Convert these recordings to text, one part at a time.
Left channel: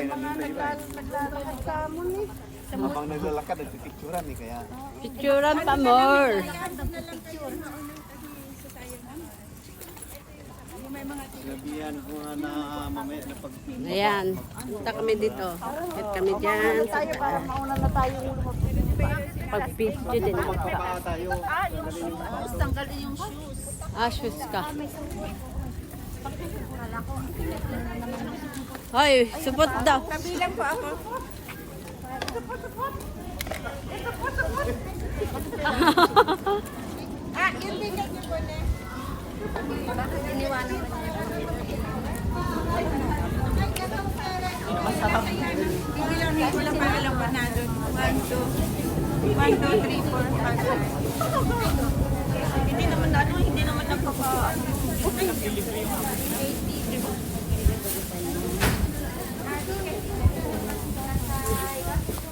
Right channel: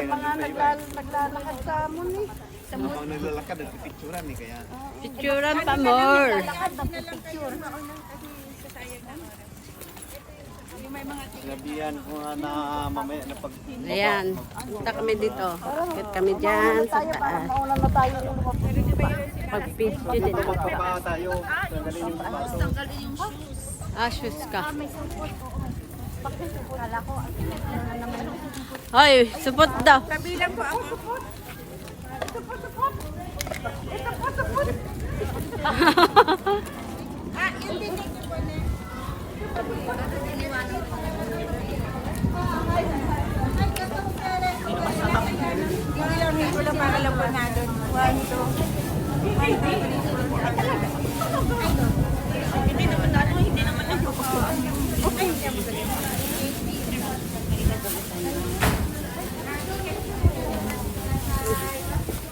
may mga naglalakad sa amon eh. Habang naglalakad, nagpipicturan eh kaya. Picturean pa more. Sinabihan ko nga na mamaya na pag... Ayan. Punta kami dito. Punta kami dyan. Tayo para mauna na tayo. Pag-picture din ako. Pa tayo, tanggalin yung baso. Ashes ka. Hoy, supot daw. Kabilang po ako.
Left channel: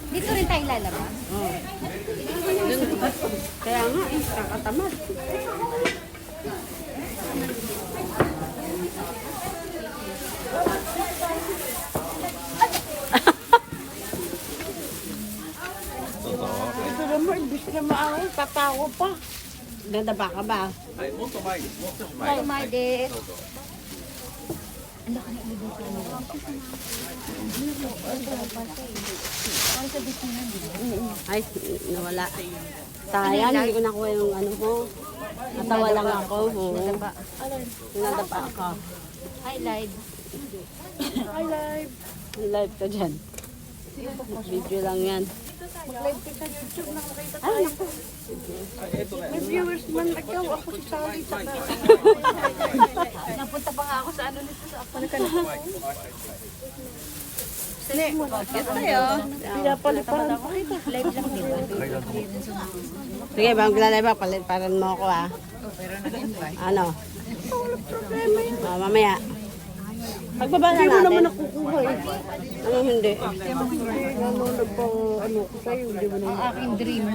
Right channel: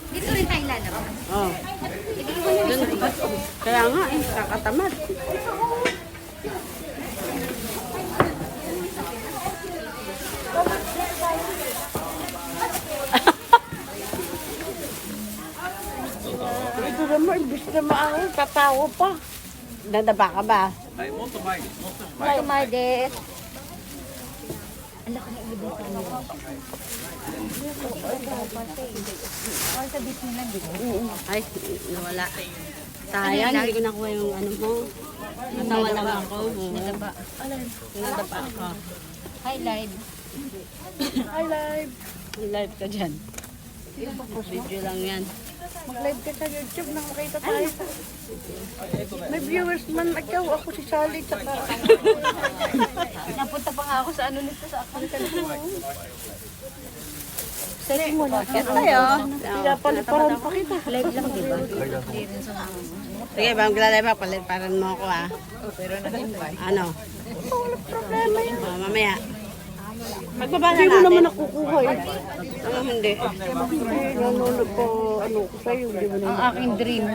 Dito rin tayo lalabas. Oh. Dun. Kaya nga eh, kakatamad. Ito naman, gusto naman ako katawa pa. Dadaba ka ba? Ay, molto mais, molto mais. Ay, Mardet. Ay, nawala. Sayang, hindi ko nakuha yung ano mo. Natawa lang ako. Oo. Nadaba. Nadaba ka. Hi, live. Hi, live. Live ka dyan. Video lang yan. Mag-live ka sa YouTube, nakakita tayo. May viewers man ikaw, ako si Sally, saka... Napunta pa nga ako sa ano nito sa account. Sige muna. Bakit tayo? Natamad ako. Live lang, di ba? Sige, ba maglalay ba? Paliparan mo ako ah. Ano? Oh, mamaya. Pagbaba na natin. Hindi mo naman nakukuha eh. Ano hindi? Nunulog ko, ano ko sa'yo, hindi mo naman. Ang aking dream.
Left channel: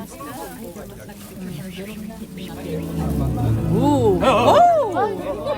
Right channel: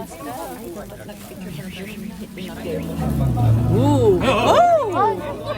Ooh! Oh!